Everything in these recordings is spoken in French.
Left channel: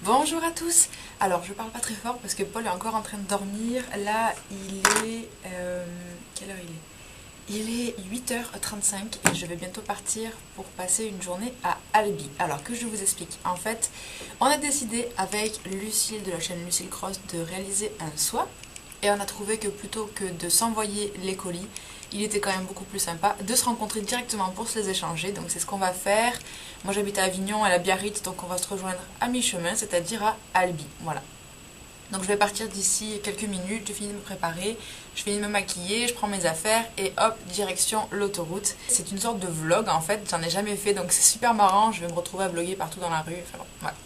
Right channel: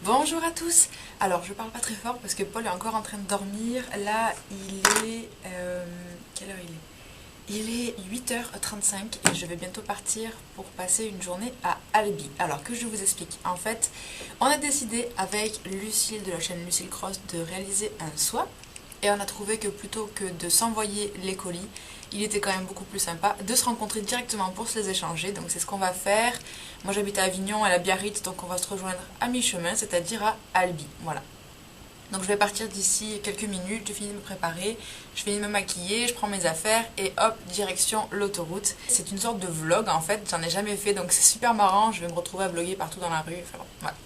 Bonjour à tous. Alors je parle pas très fort parce que Paul est encore en train de dormir. Là il est... quelle heure il est? Il est 8h35 et je vais bientôt partir pour passer une journée à Albi. Alors que je vous explique. En fait, on a décidé avec Lucille de la chaîne Lucille Cross de réaliser un swap. Et on a trouvé que plutôt que de s'envoyer les colis, il était quand même beaucoup plus sympa de se rencontrer directement pour se les échanger. Donc c'est ce qu'on va faire. Moi j'habite à Avignon, elle à Biarritz, donc on va se rejoindre à mi-chemin, c'est-à-dire à Albi. Voilà. Donc je vais partir d'ici quelques minutes, je finis de me préparer, je finis de me maquiller, je prends mes affaires et hop, direction l'autoroute. C'est une sorte de vlog en fait, j'en ai jamais fait donc c'est super marrant, je vais me retrouver à vlogger partout dans la rue, enfin bon, voilà.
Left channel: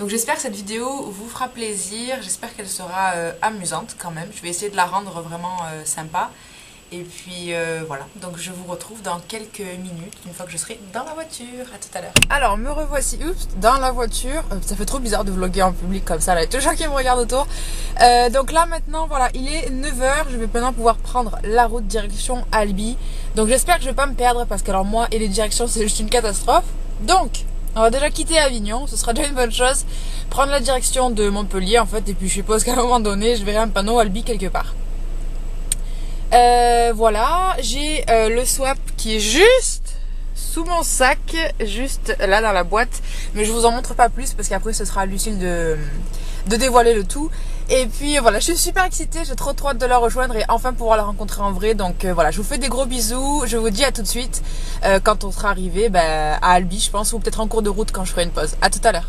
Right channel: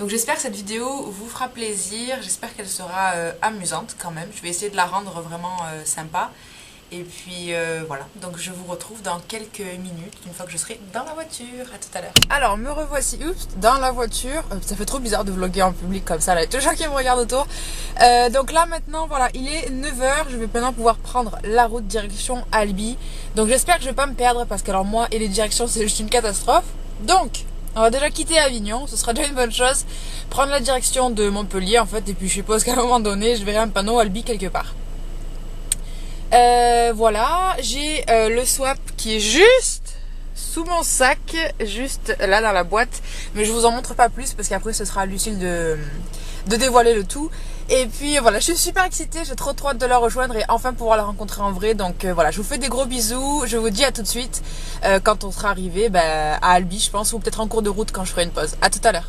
Donc j'espère que cette vidéo vous fera plaisir, j'espère qu'elle sera amusante quand même, je vais essayer de la rendre vraiment sympa. Et puis voilà, donc je vous retrouve dans quelques minutes, une fois que je serai dans la voiture. À tout à l'heure. Alors me revoici, dans la voiture. Ça fait trop bizarre de vlogger en public comme ça, là, il y a tous les gens qui me regardent autour. Donc là maintenant, voilà, il est 9h, je vais maintenant pouvoir prendre la route direction Albi. Donc j'espère que je vais pas me perdre parce que alors moi et les directions c'est juste une catastrophe. Donc on va déjà quitter Avignon, ce sera déjà une bonne chose. Prendre la direction de Montpellier en fait, et puis je suppose qu'à un moment donné je verrai un panneau Albi quelque part. Voilà, j'ai le swap qui est juste sous mon sac, juste là dans la boîte, mais je vous en montre pas plus parce qu'après ce sera à Lucille de dévoiler le tout. Et puis voilà, je suis super excitée, j'ai trop hâte de la rejoindre et enfin pouvoir la rencontrer en vrai. Donc voilà, je vous fais des gros bisous, je vous dis à tout de suite quand on sera arrivé à Albi je pense, ou peut-être en cours de route quand je ferai une pause. À tout à l'heure.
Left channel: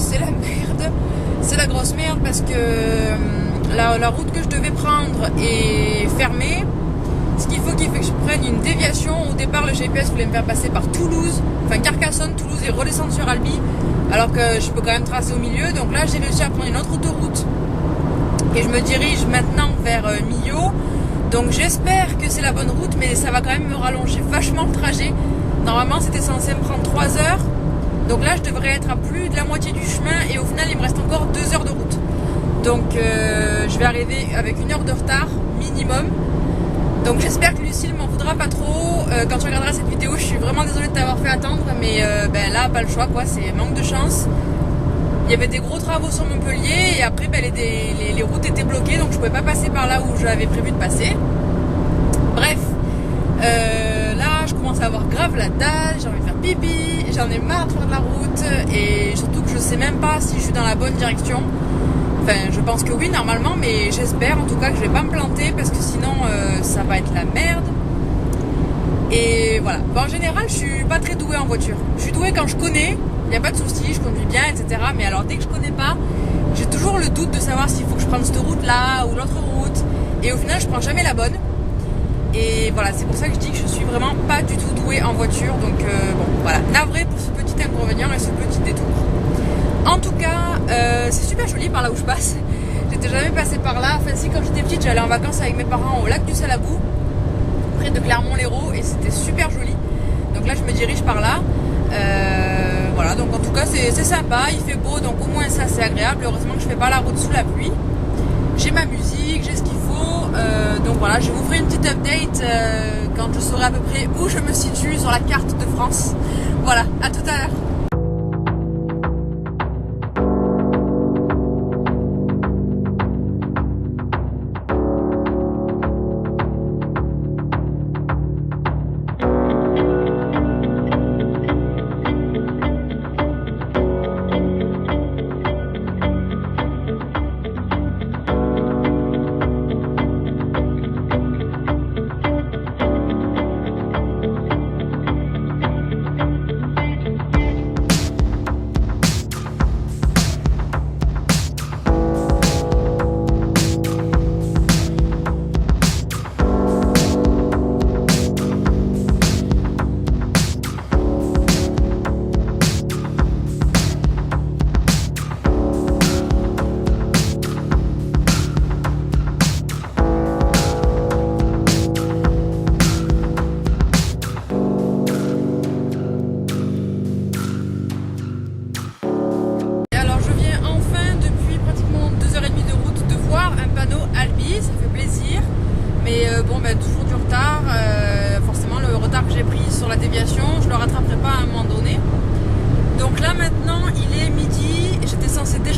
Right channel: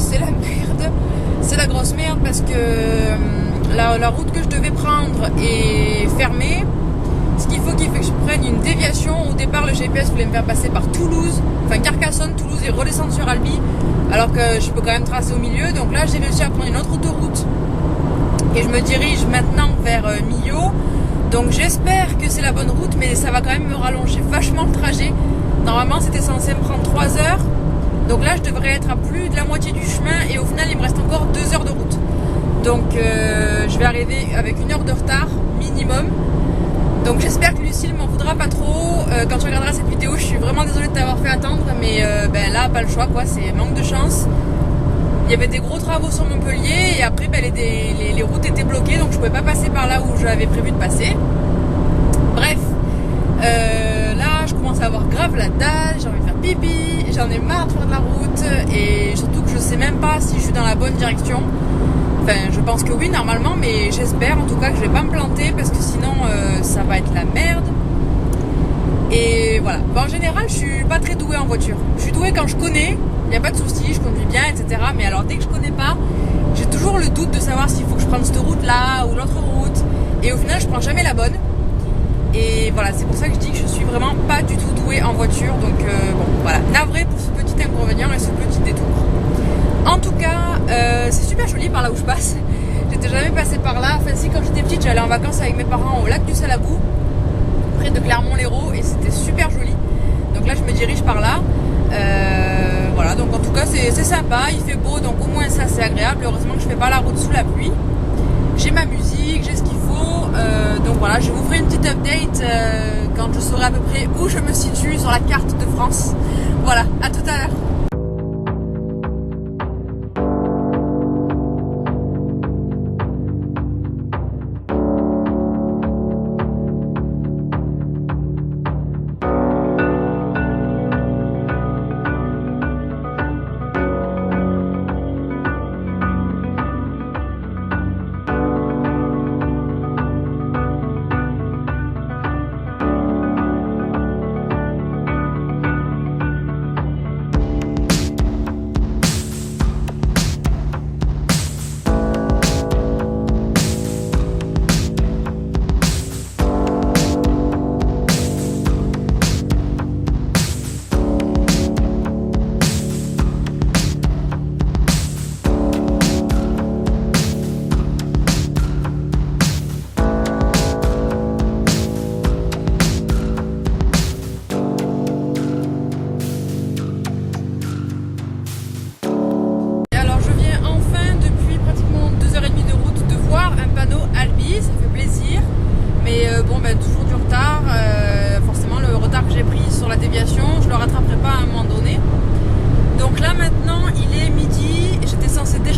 C'est la merde, c'est la grosse merde parce que la route que je devais prendre est fermée. Ce qu'il faut que je prenne une déviation. Au départ le GPS voulait me faire passer par Toulouse, enfin Carcassonne, Toulouse et redescendre sur Albi, alors que je peux quand même tracer au milieu. Donc là j'ai réussi à prendre une autre autoroute et je me dirige maintenant vers Millau. Donc j'espère que c'est la bonne route, mais ça va quand même me rallonger vachement le trajet. Normalement c'était censé me prendre 3 heures. Donc là je devrais être à plus de la moitié du chemin et au final il me reste encore 2 heures de route. Donc je vais arriver avec 1 heure de retard minimum. Donc j'espère que Lucille m'en voudra pas trop. Quand tu regarderas cette vidéo, je suis vraiment désolée de t'avoir fait attendre, mais là pas le choix quoi, c'est manque de chance. Il y avait des gros travaux sur Montpellier et après les routes étaient bloquées, donc je pouvais pas passer par là où j'avais prévu de passer. Bref, là je commence à avoir grave la dalle, j'ai envie de faire pipi, j'en ai marre de faire de la route et surtout que je sais même pas si je suis dans la bonne direction. Enfin je pense que oui normalement, mais j'espère en tout cas que je vais pas me planter parce que sinon ça va être la merde. Et voilà, en général je suis pas très douée en voiture. Je suis douée quand je connais, il n'y a pas de souci, je conduis bien etc. Mais alors dès que je connais pas, j'ai toujours le doute de savoir s'il faut que je prenne cette route là ou l'autre route. Et au final je prends jamais la bonne. Et voilà, c'est pour ça que je dis que je suis vraiment pas du tout douée en voiture. Donc bon, voilà, navré pour ce petit inconvénient et ce petit détour. En tout cas, c'est super joli par là où je passe. J'étais jamais passée par là. Enfin si, quand j'étais petite, j'allais en vacances avec mes parents au lac du Salabou, près de Clermont-Lérault, et c'était super joli. Donc là, je me dirige par là. Voilà, donc en tout cas, c'est sympa. Il fait beau, donc au moins ça, c'est agréable. Heureusement que je fais pas la route sous la pluie. J'ai ma musique, j'ai ce qu'il faut, donc voilà, je vous ferai une petite update quand je saurai à peu près où je me situe sur la carte de France. Voilà, à tout à l'heure.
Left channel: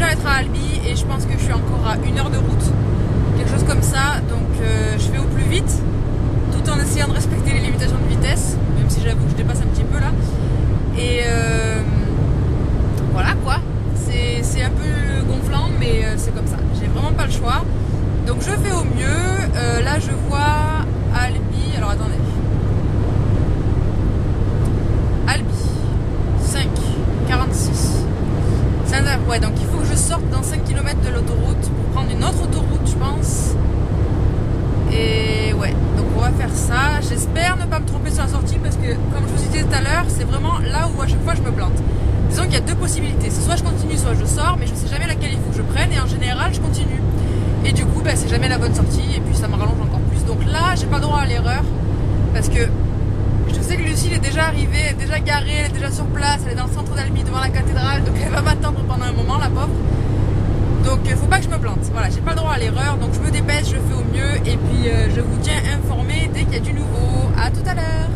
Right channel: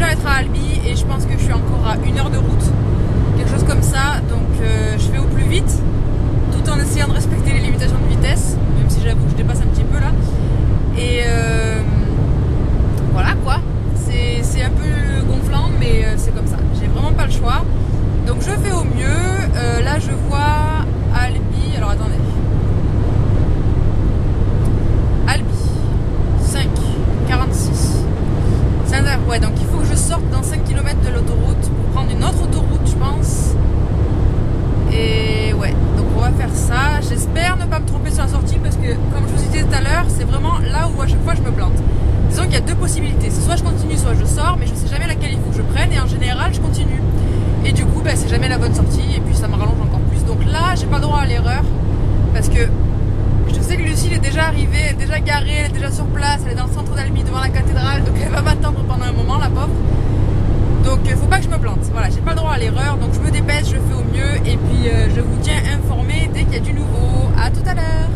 déjà être à Albi et je pense que je suis encore à 1 heure de route, quelque chose comme ça. Donc je fais au plus vite, tout en essayant de respecter les limitations de vitesse, même si j'avoue que je dépasse un petit peu là. Et voilà quoi, c'est un peu gonflant, mais c'est comme ça. J'ai vraiment pas le choix. Donc je fais au mieux. Là je vois Albi. Alors attendez. Albi 5, 46. Ouais, donc il faut que je sorte dans 5 km de l'autoroute pour prendre une autre autoroute, je pense. Et ouais, donc on va faire ça. J'espère ne pas me tromper sur la sortie parce que, comme je vous disais tout à l'heure, c'est vraiment là où à chaque fois je me plante. Disons qu'il y a deux possibilités. C'est soit je continue, soit je sors, mais je sais jamais laquelle il faut que je prenne et en général je continue. Et du coup, c'est jamais la bonne sortie et puis ça me rallonge encore plus. Donc là, j'ai pas le droit à l'erreur parce que je sais que Lucille est déjà arrivée, elle est déjà garée, elle est déjà sur place, elle est dans le centre d'Albi devant la cathédrale, donc elle va m'attendre pendant un moment, la pauvre. Donc faut pas que je me plante. Voilà, j'ai pas le droit à l'erreur, donc je me dépêche, je fais au mieux et puis je vous tiens informé dès qu'il y a du nouveau. À tout à l'heure.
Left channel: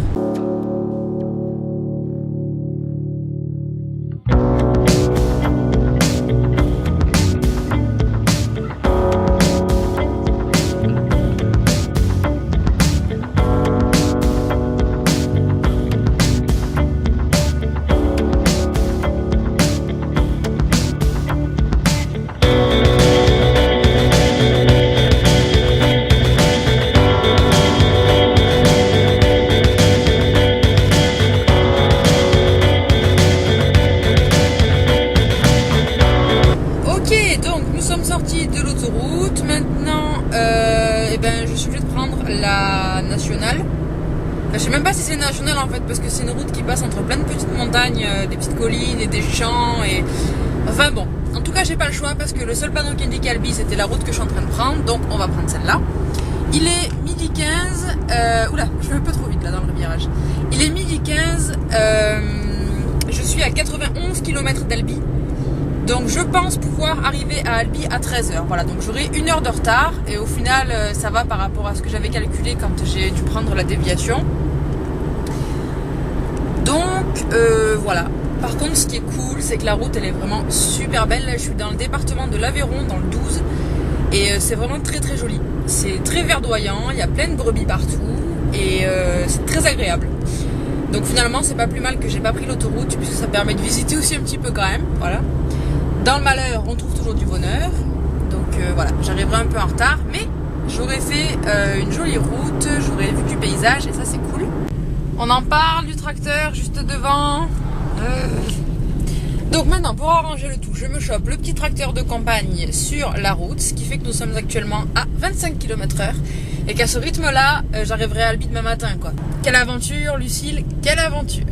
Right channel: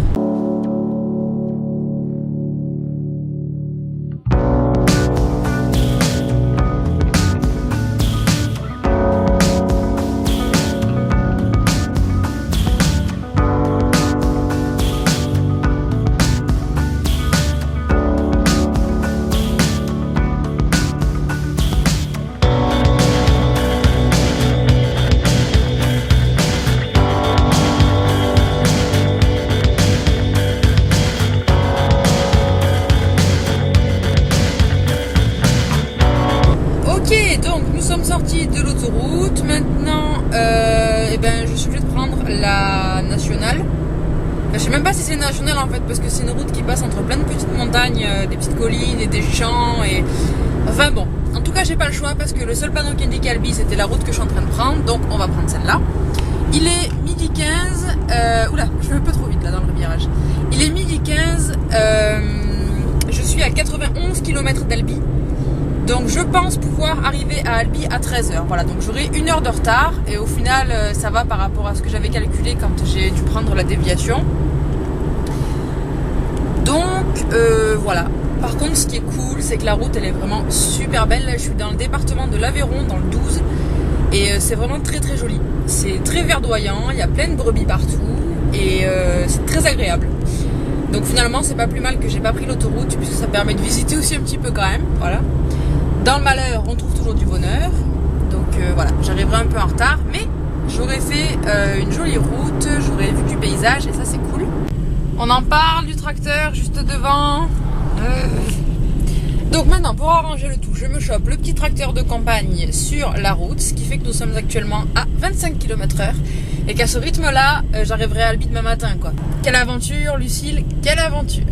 De l'autoroute maintenant je suis obligée de prendre la nationale. Je sais même pas si c'est nationale en fait parce que c'est une route qui passe entre plein de petites montagnes, des petites collines et des champs et enfin bon, en tout cas j'ai pas le choix parce que le seul panneau qui indique Albi c'était la route que je suis en train de prendre, donc on va prendre celle-là. Il est midi 15, oula je vais un peu trop vite là dans le virage. Il est midi 15, je suis à 91 km d'Albi. Donc je pense pouvoir arriver à Albi à 13h. Voilà, donc j'aurai 1 heure de retard et au final ça va par rapport à ce que j'avais calculé quand j'ai dû prendre la déviation. Donc voilà. Par contre ce qui est cool c'est que la route elle est vraiment super belle. Là je suis dans le département de l'Aveyron, dans le 12 et c'est vraiment très très joli. C'est très verdoyant, il y a plein de brebis partout et c'est très agréable. Donc finalement c'est pas plus mal que j'ai pas pris l'autoroute puisque ça permet de visiter aussi un petit peu quand même. Voilà. Dans le malheur, on trouve toujours du bonheur. Donc voilà, j'arriverai un peu en retard, mais j'aurais fait une jolie route, j'aurais vu du paysage et ça c'est cool. On en parle du tracteur juste devant. Donc maintenant, pour arranger le tout, je me chope le petit tracteur de campagne sur la route, ce qui fait que nous sommes actuellement à 25 km/h et qu'à ce rythme-là, j'arriverai à Albi demain matin, quoi. Quelle aventure, Lucille, quelle aventure!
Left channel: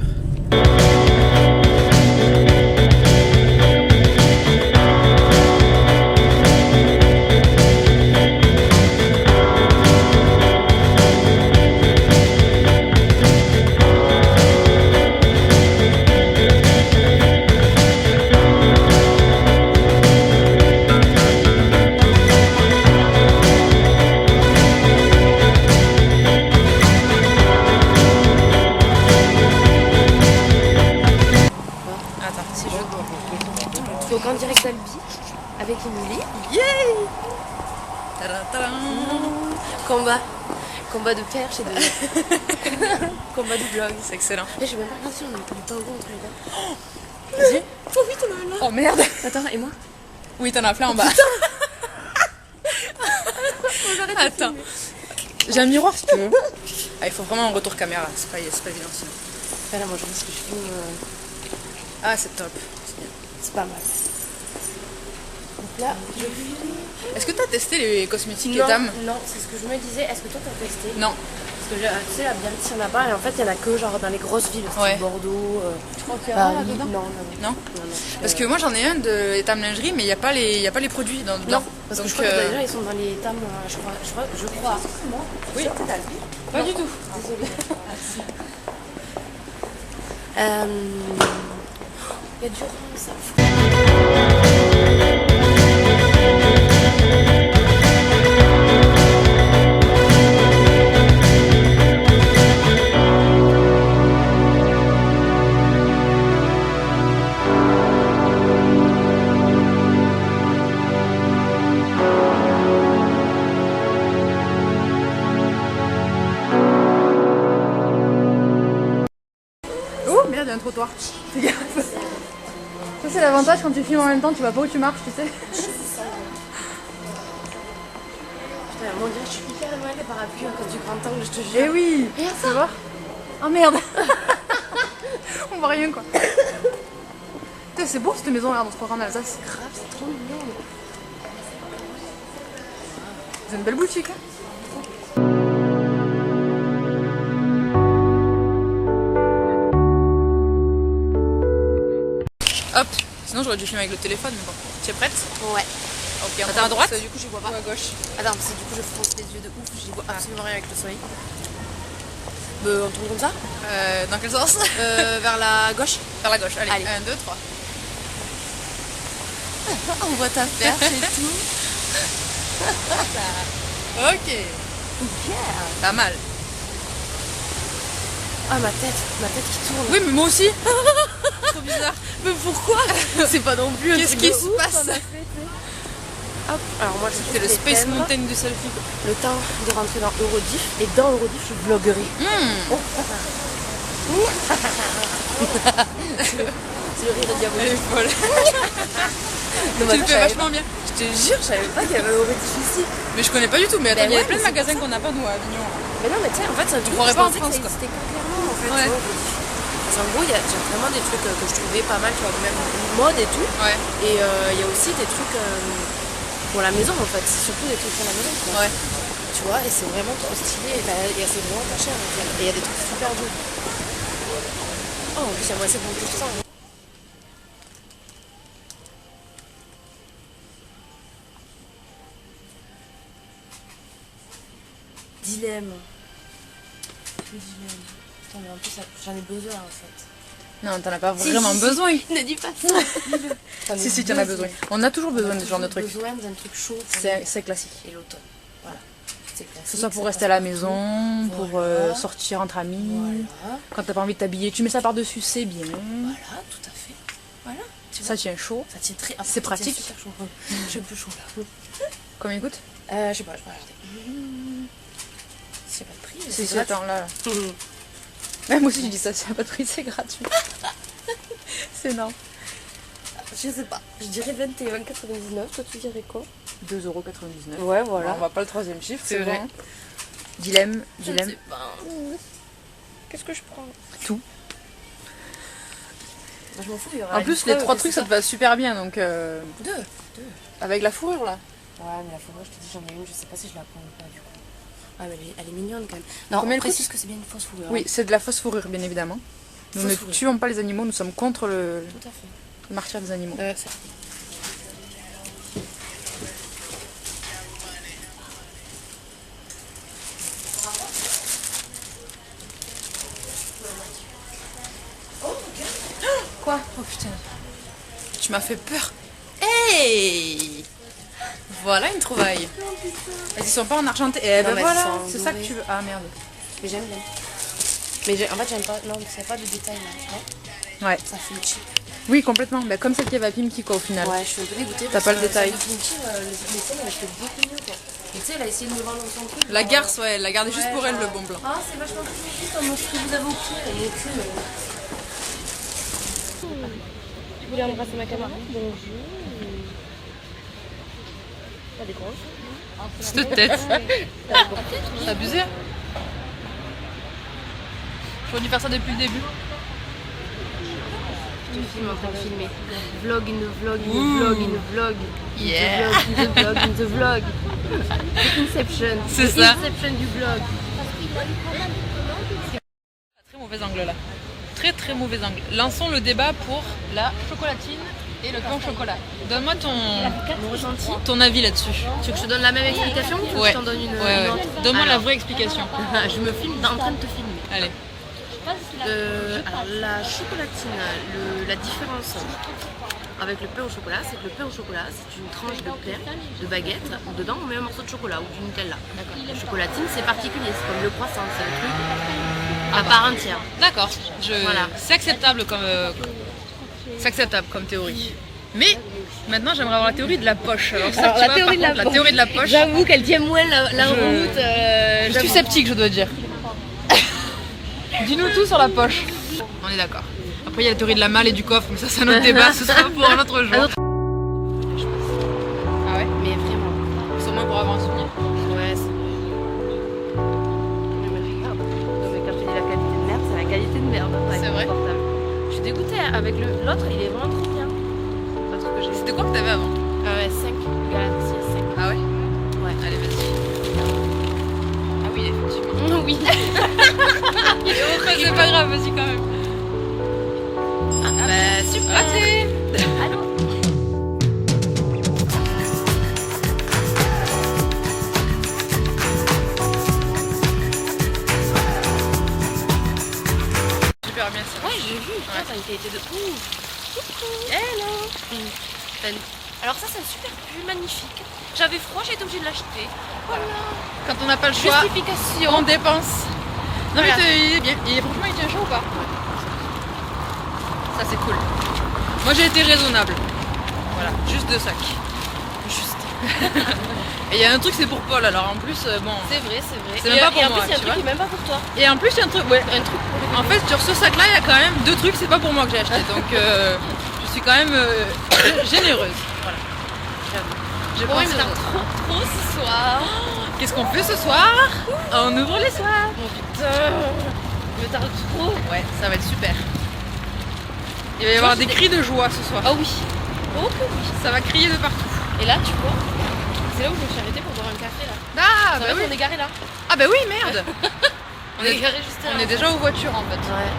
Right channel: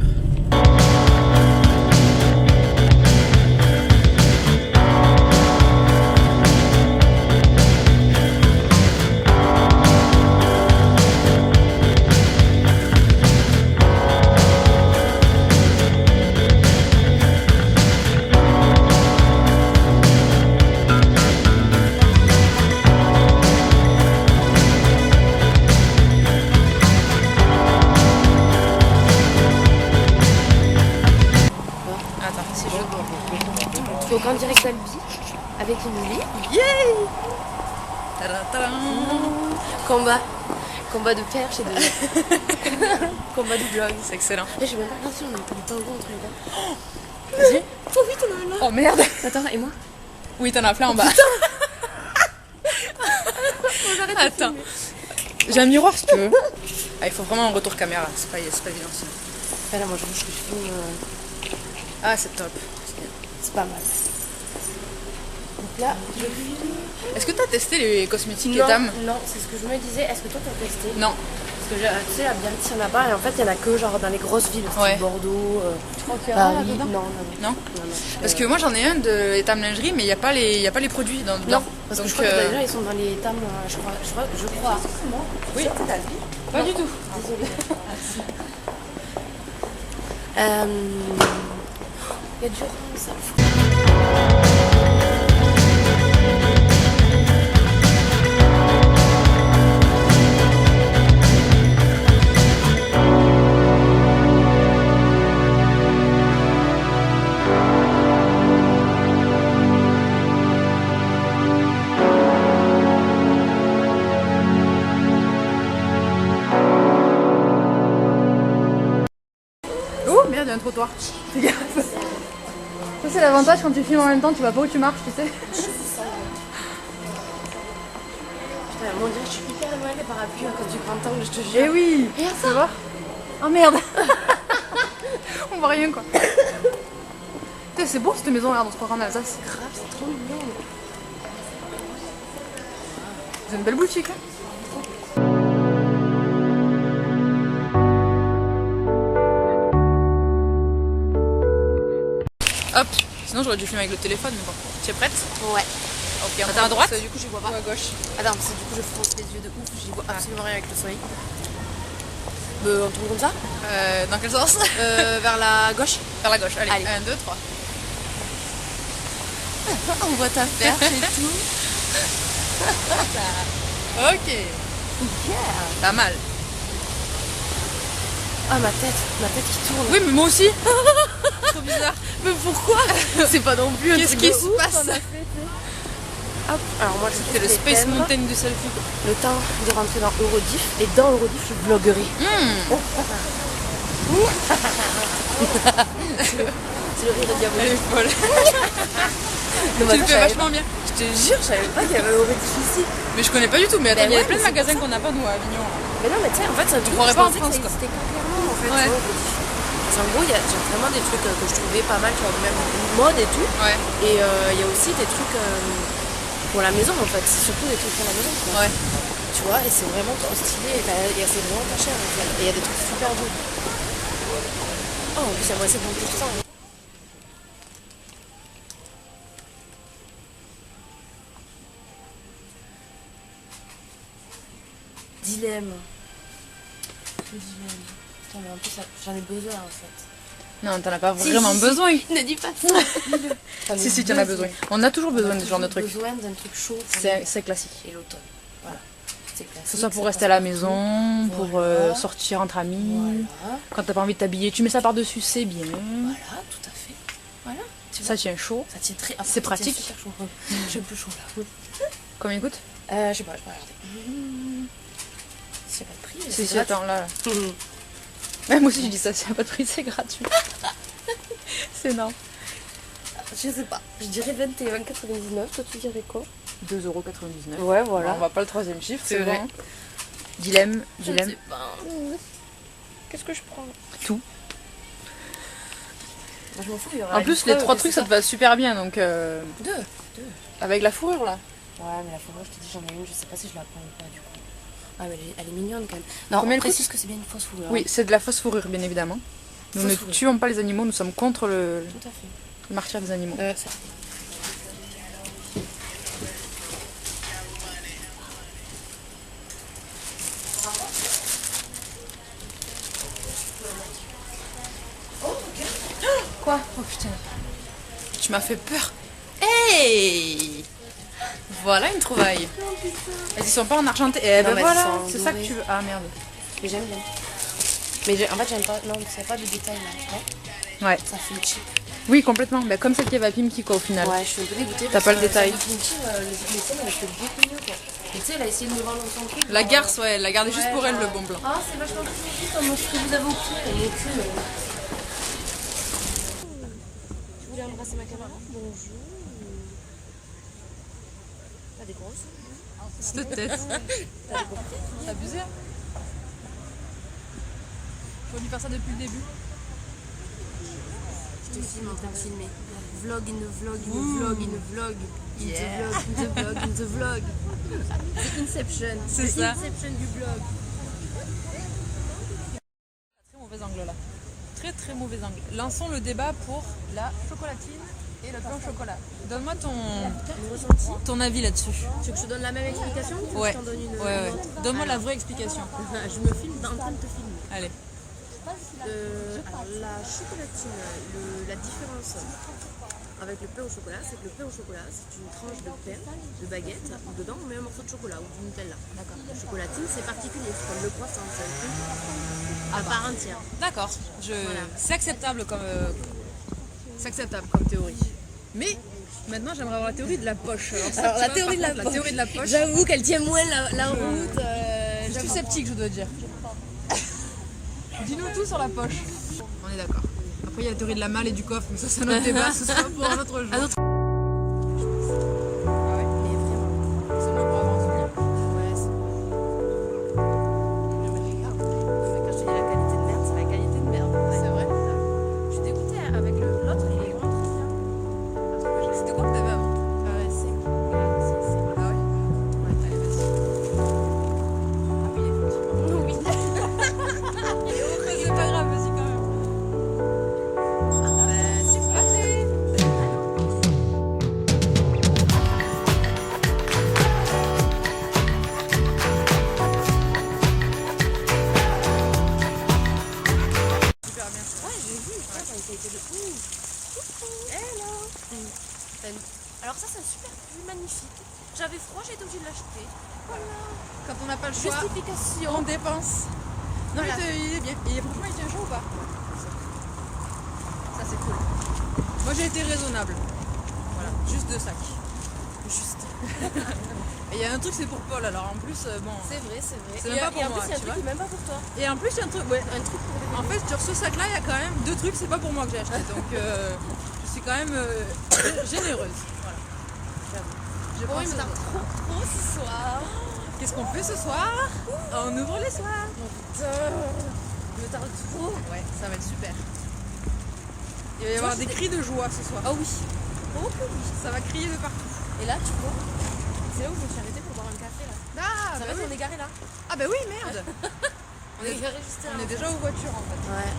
Donc en direct d'Albi avec Émilie. Yay! Combat de perche et de combat de vlog. C'est excellent. Je sais même pas si on n'est pas au bout entre les deux. Vas-y. Oh oui, t'en as un là. Oh merde. Attends, et moi? Oui, t'en as plein en bas. Attends. J'ai un miroir si tu veux. Ah, il faut vraiment un retour caméra, c'est pas évident sinon. Ah là, moi je pense que je filme. Ah, c'est top. C'est pas mal. Donc là, Est-ce que t'as testé les cosmétiques non, Etam? non, c'est ce que je me disais. Est-ce que toi t'as testé? Non. Parce que tu sais, à Biarritz, il y en a pas. Et en fait, il y en a que genre dans les grosses villes. Ouais. Bordeaux. Tu crois qu'il y en a là-dedans? Non. Parce que moi j'en ai un de Etam lingerie, mais il n'y a pas les produits dedans. Non, parce que je crois que déjà ils sont dans les Etam, je crois. Oui. Pas du tout. Désolée. Il y a du rhum, ça. y a un trottoir. Fais gaffe. Ça c'est l'avantage quand tu filmes en même temps, tu vois pas où tu marches, tu sais. Putain, mon dieu, je suis hyper loin des parapluies à cause du grand angle, je te jure. Eh oui. Regarde Tu vois. Oh merde. On voit rien quoi. Putain, c'est beau cette maison, regarde, on se croirait en Alsace. Grave, c'est trop mignon. C'est une belle boutique. Hein. Hop, sinon j'aurais dû filmer avec le téléphone, mais bon. Tu es prête? Ouais. Ok, on Attends, prend à droite. du coup, j'y vois pas. Ou à gauche. Attends, parce que du coup, je fronce les yeux de ouf, j'y vois absolument rien avec le soleil. On tourne comme ça Dans quel sens? Vers la gauche. Vers la gauche, allez. Allez. 1, 2, 3. On voit ta perche et tout. Ok. Pas mal. Ah, ma tête qui tourne. Oui, mais moi aussi. Trop bizarre. Mais pourquoi? C'est pas non plus un Qu'est-ce truc qui de se ouf, passe? on a fait, tu sais. Hop, alors moi je C'est le fais Space thèmes. Mountain du selfie. Le temps de rentrer dans Eurodiff et dans Eurodiff je vloguerai. C'est le rire de diabolo. Elle est folle. Tu le fais vachement bien. Je te jure, je savais pas qu'il y avait Eurodiff ici. Mais je connais pas du tout. Mais attends, Ben il y a ouais, plein de mais c'est magasins qu'on n'a pas nous à Avignon. Mais non, mais tu sais, en fait, ça croirais pas en France, ça quoi. existait que clairement en fait. Ouais. tu vois, Eurodiff. Parce qu'en gros, il y a vraiment des trucs que je trouvais pas mal, tu vois, même mode et tout. Ouais. Et il y a aussi des trucs pour la maison en fait, c'est surtout des trucs pour la maison. Quoi. Ouais. Tu vois, et c'est vraiment trop stylé, et c'est vraiment pas cher. Et il y a des trucs super beaux. Oh, en plus, il y a moins 50%. Dilemme. Le dilemme. Putain, mais en plus, j'en ai besoin en fait. Non, t'en as pas vraiment besoin. Ne dis pas ça. Si, si, t'en as besoin. On a toujours besoin de ce genre de trucs. besoin d'un truc chaud. C'est classique. Et l'automne. Voilà. C'est classique. Que ce soit pour rester à la maison, pour Voilà. sortir entre amis. Voilà. Quand t'as pas envie de t'habiller, tu mets ça par-dessus, c'est bien. Voilà, tout à fait. Voilà. Tu Ça vois, tient chaud. ça tient très. C'est pratique. Super chaud. J'ai un peu chaud là. Combien il coûte? Je sais pas, je vais regarder. C'est pas de prix. mais Si, c'est si, gratuit. attends, là. Moi aussi, je dis ça, s'il n'y a pas de prix, c'est gratuit. C'est énorme. Je sais pas. Je dirais 21,99. Toi, tu dirais quoi? 2,99 €. Ouais, Bon, voilà. on va pas le troisième chiffre, C'est c'est vrai. bon. Dilemme, Je dilemme. sais pas. Qu'est-ce que je prends? Tout. Bah, je m'en fous, il y aura En une plus, les preuve trois que trucs, c'est ça te va super bien, donc... Deux. Avec la fourrure, là. Ouais, mais la fourrure, je te dis, j'en ai une, je sais pas si je la prends ou pas du coup. Ah, mais elle est mignonne quand même. Non, Combien on elle coûte? précise que c'est bien une fausse fourrure. Oui, c'est de la fausse fourrure, bien évidemment. Nous Fausse ne fourrure. tuons pas les animaux, nous sommes contre le Tout à fait. martyre des animaux. Ça. Quoi? Oh putain. Tu m'as fait peur. Hey! Voilà une trouvaille. Elles y sont pas en argenté. Eh Non, ben mais voilà, elles sont en c'est ça que doré. tu veux. Ah merde. Mais j'aime bien. Mais en fait, j'aime pas. Non, c'est pas de détail là, tu vois. Ouais. Ça fait cheap. Oui, complètement. Bah, comme celle qui est Pimki, quoi, au final. Ouais, je suis un peu dégoûtée. T'as pas le détail. Le scènes, elle fait beaucoup mieux quoi. Et tu sais, elle a essayé de me vendre son truc. La genre, garce, ouais, elle l'a gardé juste ouais, pour elle, genre, le bon blanc. Ah, c'est vachement plus comme ce que vous avez au cul. Et mon cul. Je voulais aller passer ma caméra. Bonjour. Pas des grosses. Cette tête. C'est abusé. J'aurais dû faire ça depuis le début. Je te filme en train de filmer. Vlog in the vlog in the vlog in the vlog. Yeah. In the vlog in the vlog. Inception. C'est The ça. Inception du vlog. Très mauvais angle là. Très très mauvais angle. Lançons le débat pour la chocolatine et le pain au chocolat. Donne-moi ton avis là-dessus. Tu veux que je te donne la même explication ou tu veux que Ouais. je t'en donne une Ouais. autre? Donne-moi la Alors, vraie explication. Je me filme en train de te filmer. Allez. Alors la chocolatine, la différence avec le pain au chocolat, c'est que le pain au chocolat, c'est une tranche de plaire, de baguette, où dedans on met un morceau de chocolat ou du Nutella. La chocolatine, c'est particulier, c'est comme le croissant, c'est un truc à part entière. D'accord. Voilà. C'est acceptable comme théorie. Mais maintenant j'aimerais avoir la théorie de la poche. Alors, Alors, la théorie de la poche. J'avoue qu'elle tient moins la route. Je suis sceptique, je dois dire. Dis-nous tout sur la poche. On est d'accord. Après il y a la théorie de la malle et du coffre, mais ça c'est un autre débat, ce sera pour un autre jour. Ah ouais? Mais vraiment. Sûrement pour avoir un souvenir. Ouais, c'est vrai. Mais regarde, quand je te dis la qualité de merde, c'est la qualité de merde. C'est vrai. Je suis dégoûtée avec l'autre, il est vraiment trop bien. L'autre que j'ai. C'était quoi que t'avais avant? Ah ouais, 5. Galaxy 5. Ah ouais? Ouais. Allez vas-y. Ah oui effectivement. Oui. Mais c'est pas grave, vas-y quand même. Bah super. Raté. Allô. Super bien ça. Ouais, j'ai vu. Putain, ça a été de ouf. Hello. Salut. Alors ça, c'est un super pull magnifique. J'avais froid, j'ai été obligée de l'acheter. Voilà. Quand on n'a pas le choix, Justification. on dépense. Non mais Voilà. il est bien. Franchement il tient chaud ou pas? Ça c'est cool. Moi j'ai été raisonnable. Voilà, juste 2 sacs. Juste. Et il y a un truc c'est pour Paul alors en plus bon. C'est vrai, c'est vrai. C'est même pas pour et en moi, plus, il y a un tu truc vois. qui est même pas pour toi. Et en plus il y a un truc, ouais, un truc. En fait sur ce sac là il y a quand même 2 trucs, c'est pas pour moi que j'ai acheté. Donc je suis quand même généreuse. Voilà. J'ai Bon, pensé il me aux tarde autres. trop ce soir. Qu'est-ce qu'on fait ce soir? On ouvre les soirs. Oh putain. Il me tarde trop. Ouais, ça va être super. Il va y avoir des cris de joie ce soir. Ah oui. Oh que oui. Ça va crier de partout. Et là, tu vois, c'est là où je me suis arrêtée pour boire un café là. Ah Ça bah va, oui. on est garé là. Ah bah oui merde. On est garé juste là. On est déjà aux voitures en fait. Ouais.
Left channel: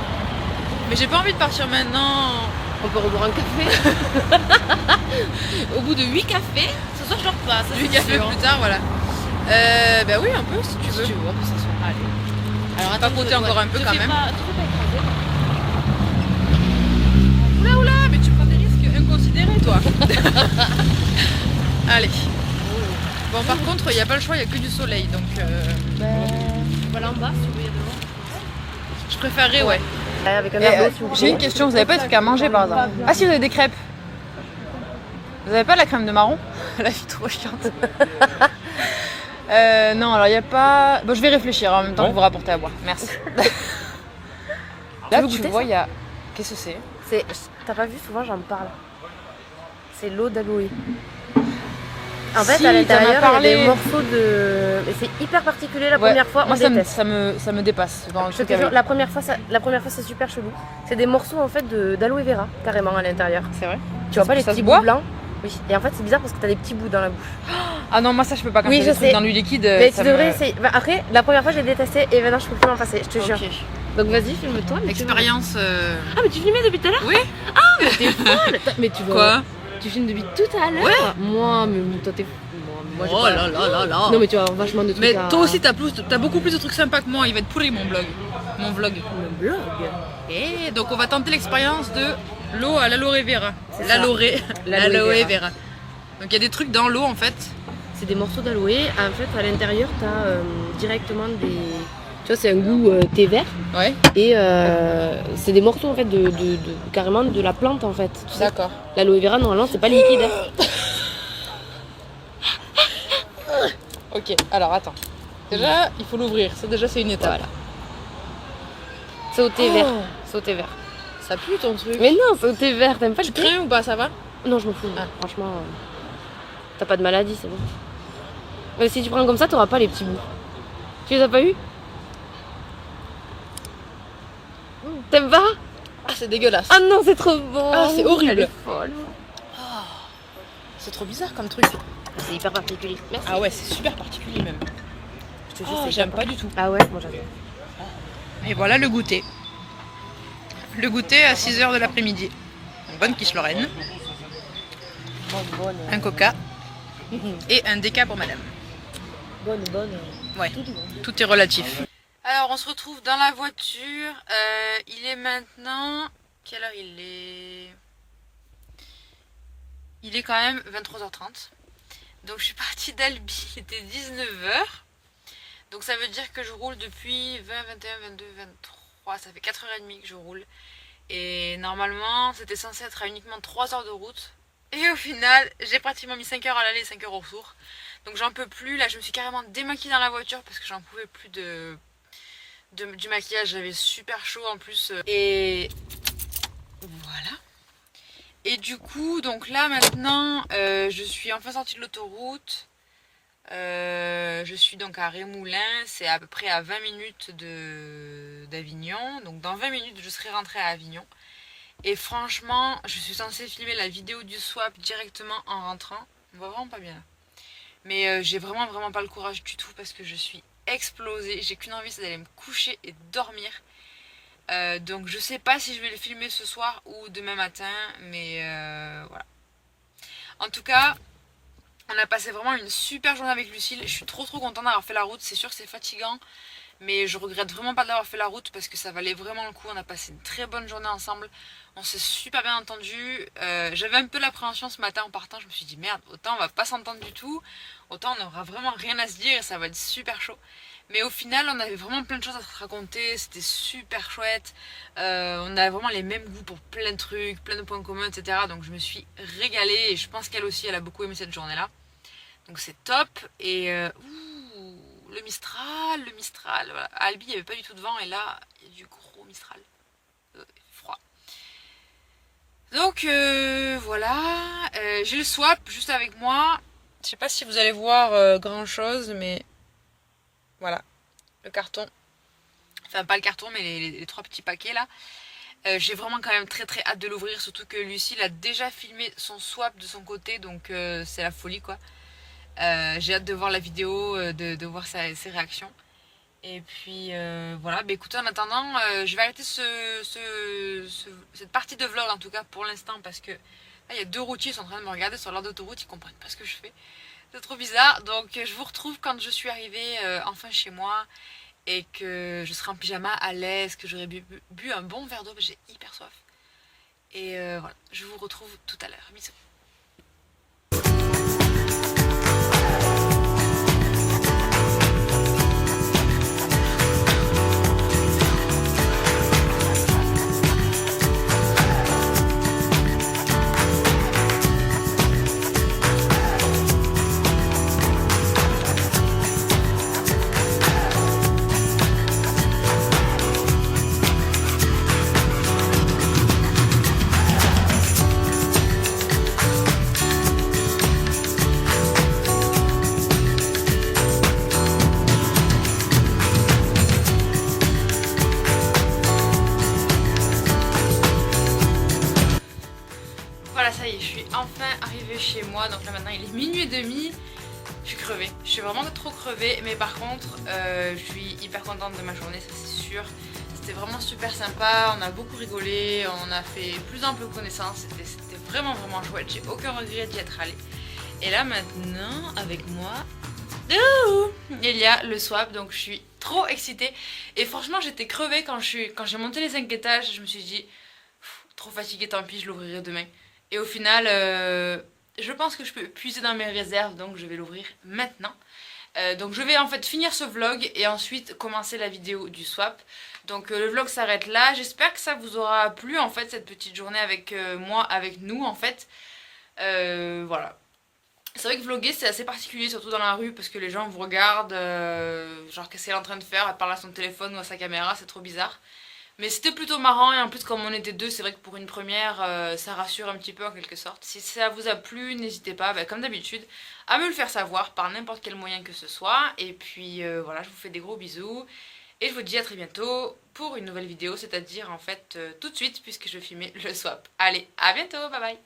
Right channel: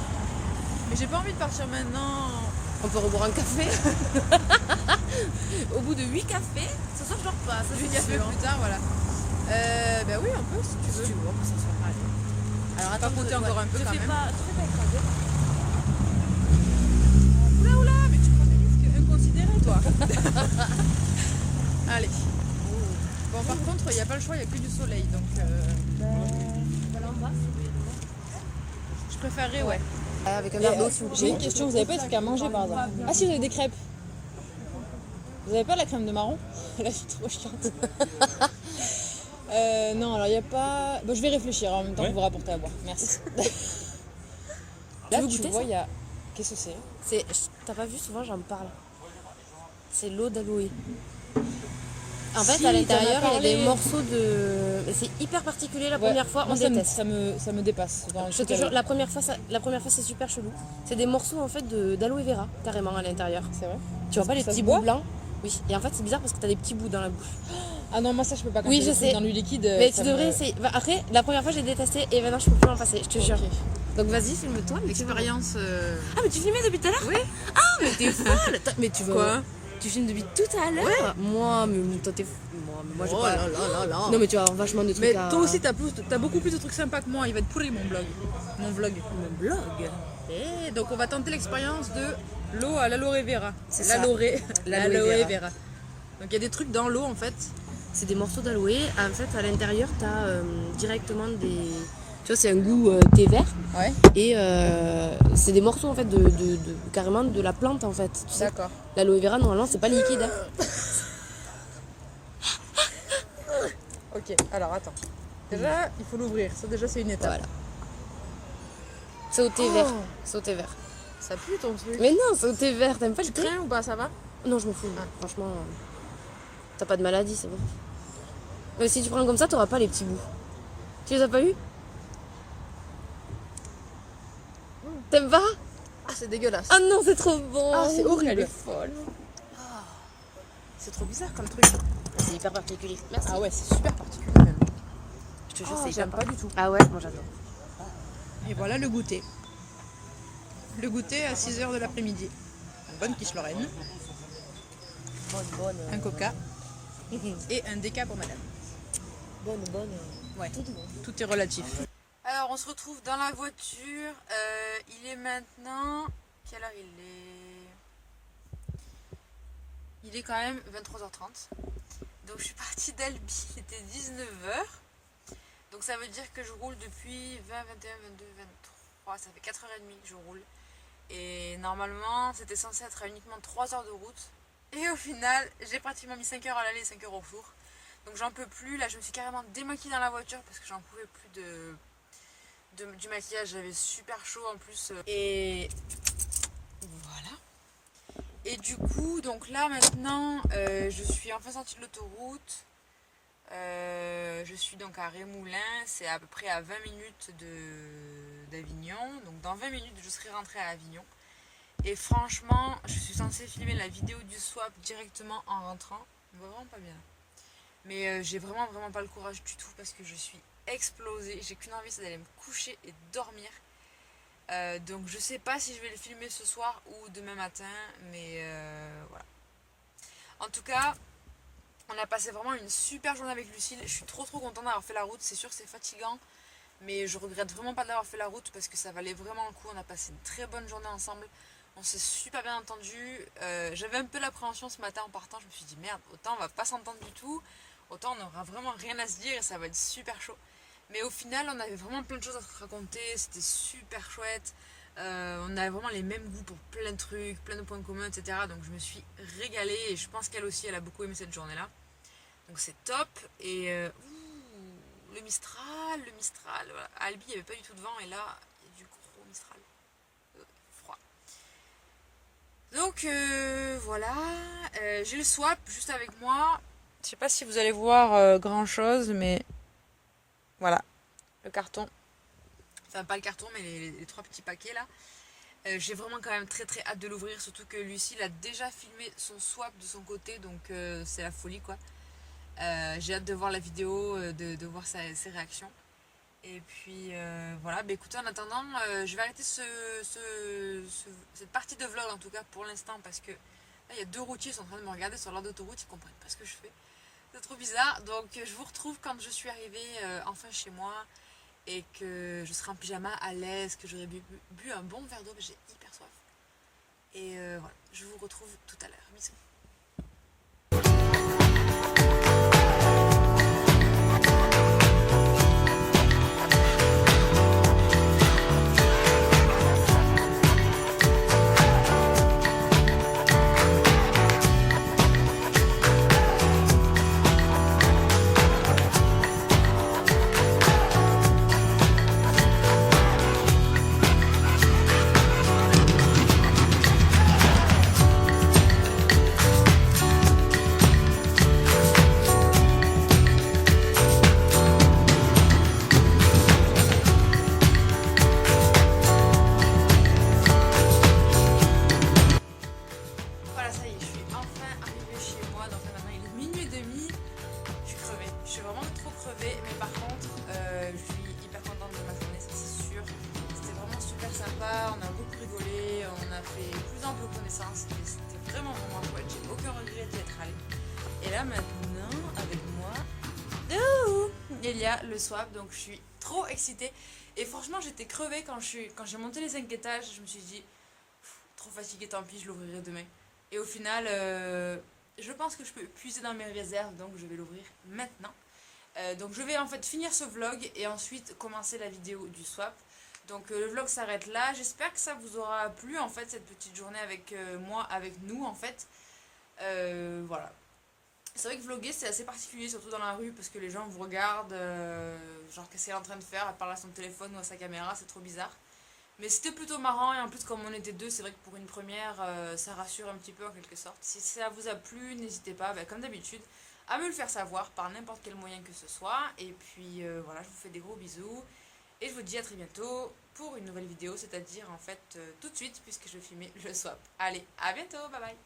Mais j'ai pas envie de partir maintenant. On peut reboire un café. Au bout de 8 cafés, ce soir je dors pas. Ça, 8 c'est cafés sûr. plus tard, voilà. Bah oui, un peu si tu veux. Si tu veux, on peut s'asseoir. Allez. Alors Attends, papoter encore un peu te quand fais même. Pas, te fais pas écraser. Oula oula, mais tu prends des risques inconsidérés toi. Allez. Bon par contre, il n'y a pas le choix, il n'y a que du soleil donc Voilà en bas, si tu veux, il y a de l'eau. je préférerais ouais. Avec un verre d'eau, s'il vous plaît. J'ai une question, vous avez pas de trucs à manger par hasard? Ah si, vous avez des crêpes. Vous avez pas la crème de marron? Là je suis trop chiante. Non, alors il n'y a pas... Bon, je vais réfléchir en même temps que vous rapportez à boire. Merci. Là veux tu goûter vois, ça il y a... Qu'est-ce que c'est? T'as pas vu, souvent j'en parle. C'est l'eau d'aloe. En fait, Si, à t'en as l'intérieur, il y a parlé. des morceaux de. Mais c'est hyper particulier la Ouais, première fois, moi on ça me, déteste. ça me dépasse. Dans le Je truc te jure, avec. la première fois, c'est super chelou. C'est des morceaux en fait d'aloe vera carrément à l'intérieur. C'est vrai? Tu vois pas les Ça se petits boit bouts blancs? Oui. Et en fait, c'est bizarre parce que t'as des petits bouts dans la bouche. Ah non, moi ça je peux pas quand Oui, il y a je des trucs sais. dans du liquide. Mais tu ça devrais me... essayer. Bah, après, la première fois, j'ai détesté et maintenant, je peux plus m'en passer, je te jure. Ok. Donc vas-y, filme-toi. mais tu vas- Expérience. Ah, mais tu filmais depuis tout à l'heure? Oui. Ah, mais t'es folle! Mais tu vas. Quoi? Tu filmes depuis tout à l'heure? Ouais. Moi, mais toi, t'es fou. Moi, j'ai Oh pas. là là là là. Non, mais tu as vachement de trucs Mais à. toi aussi t'as beaucoup plus de trucs sympas que moi, il va être pourri mon blog. Mon vlog. Mon blog. Et donc on va tenter l'expérience de l'eau à l'aloe vera. C'est ça. L'aloe L'aloe vera. vera. Donc il y a des trucs dans l'eau en fait. C'est des morceaux d'aloe. En fait, à l'intérieur, t'as directement des. Tu vois, c'est un goût thé vert. Ouais. Et c'est des morceaux en fait carrément de la plante en fait. Tu sais, D'accord. l'aloe vera, normalement, c'est pas liquide. Hein. Ok, alors attends. Déjà, il faut l'ouvrir. C'est une étape. Voilà. C'est au thé vert. C'est au thé vert. Ça pue ton truc. Mais non, c'est au thé vert. T'aimes pas le Tu thé? crains ou pas, ça va? Non, je m'en fous. Ah. Franchement, t'as pas de maladie, c'est bon. Mais si tu prends comme ça, t'auras pas les petits bouts. Tu les as pas eu? T'aimes pas? Ah, c'est dégueulasse. Ah non, c'est trop bon. Ah, c'est horrible. Elle est folle. C'est trop bizarre comme truc. C'est hyper particulier. Merci. Ah ouais, c'est super particulier même. Je te jure, Oh, c'est j'aime hyper pas du tout. Ah ouais, moi j'adore. Et voilà le goûter. Le goûter à 6h de l'après-midi. Une bonne quiche Lorraine, Bonne. un coca et un déca pour madame. Bonne. Ouais, tout est relatif. Alors on se retrouve dans la voiture. Il est maintenant... Quelle heure il est? Il est quand même 23h30. Donc je suis partie d'Albi, il était 19h. Donc ça veut dire que je roule depuis 20, 21, 22, 23. Ça fait 4h30 que je roule. Et normalement c'était censé être à uniquement 3 heures de route. Et au final j'ai pratiquement mis 5 heures à l'aller et 5 heures au retour. Donc j'en peux plus. Là je me suis carrément démaquillée dans la voiture parce que j'en pouvais plus du maquillage. J'avais super chaud en plus. Et Et du coup, donc là maintenant, je suis enfin sortie de l'autoroute. Je suis donc à Rémoulin, c'est à peu près à 20 minutes d'Avignon. Donc dans 20 minutes, je serai rentrée à Avignon. Et franchement, je suis censée filmer la vidéo du swap directement en rentrant. On voit vraiment pas bien là. Mais j'ai vraiment pas le courage du tout parce que je suis explosée. J'ai qu'une envie, c'est d'aller me coucher et dormir. Donc je sais pas si je vais le filmer ce soir ou demain matin, mais voilà. En tout cas, on a passé vraiment une super journée avec Lucille. Je suis trop contente d'avoir fait la route. C'est sûr que c'est fatigant, mais je regrette vraiment pas d'avoir fait la route parce que ça valait vraiment le coup. On a passé une très bonne journée ensemble. On s'est super bien entendu. J'avais un peu l'appréhension ce matin en partant. Je me suis dit merde, autant on va pas s'entendre du tout, autant on n'aura vraiment rien à se dire et ça va être super chaud. Mais au final, on avait vraiment plein de choses à se raconter. C'était super chouette. On a vraiment les mêmes goûts pour plein de trucs, plein de points communs, etc. Donc je me suis régalée et je pense qu'elle aussi, elle a beaucoup aimé cette journée-là. Donc c'est top. Et le Mistral. Voilà. À Albi, il n'y avait pas du tout de vent et là, il y a du gros Mistral. Froid. Donc voilà. J'ai le swap juste avec moi. Je sais pas si vous allez voir grand chose, mais voilà, le carton. Enfin, pas le carton, mais les trois petits paquets là. J'ai vraiment quand même très hâte de l'ouvrir, surtout que Lucille a déjà filmé son swap de son côté, donc c'est la folie quoi. J'ai hâte de voir la vidéo, de voir ses réactions. Et puis voilà, bah, écoutez, en attendant, je vais arrêter cette partie de vlog en tout cas pour l'instant parce que là, il y a deux routiers qui sont en train de me regarder sur l'heure d'autoroute, ils comprennent pas ce que je fais. C'est trop bizarre, donc je vous retrouve quand je suis arrivée enfin chez moi et que je serai en pyjama à l'aise, que j'aurai bu un bon verre d'eau, j'ai hyper soif. Et voilà, je vous retrouve tout à l'heure. Bisous. Voilà, ça y est, je suis enfin arrivée chez moi. Donc là maintenant il est minuit et demi. Je suis crevée, je suis vraiment trop crevée. Mais par contre, je suis hyper contente de ma journée, ça c'est sûr. C'était vraiment super sympa, on a beaucoup rigolé, on a fait plus d'un peu connaissance. C'était vraiment chouette, j'ai aucun regret d'y être allée. Et là maintenant, avec moi, il y a le swap, donc je suis trop excitée. Et franchement, j'étais crevée quand j'ai monté les 5 étages. Je me suis dit, trop fatiguée, tant pis, je l'ouvrirai demain. Et au final, je pense que je peux puiser dans mes réserves, donc je vais l'ouvrir maintenant. Donc je vais en fait finir ce vlog et ensuite commencer la vidéo du swap. Donc le vlog s'arrête là. J'espère que ça vous aura plu en fait, cette petite journée avec moi, avec nous en fait. Voilà. C'est vrai que vlogger c'est assez particulier, surtout dans la rue, parce que les gens vous regardent, genre qu'est-ce qu'elle est en train de faire, elle parle à son téléphone ou à sa caméra, c'est trop bizarre. Mais c'était plutôt marrant et en plus comme on était deux, c'est vrai que pour une première, ça rassure un petit peu en quelque sorte. Si ça vous a plu, n'hésitez pas, comme d'habitude, à me le faire savoir par n'importe quel moyen que ce soit. Et puis voilà, je vous fais des gros bisous et je vous dis à très bientôt pour une nouvelle vidéo, c'est-à-dire en fait tout de suite puisque je vais filmer le swap. Allez, à bientôt, bye bye.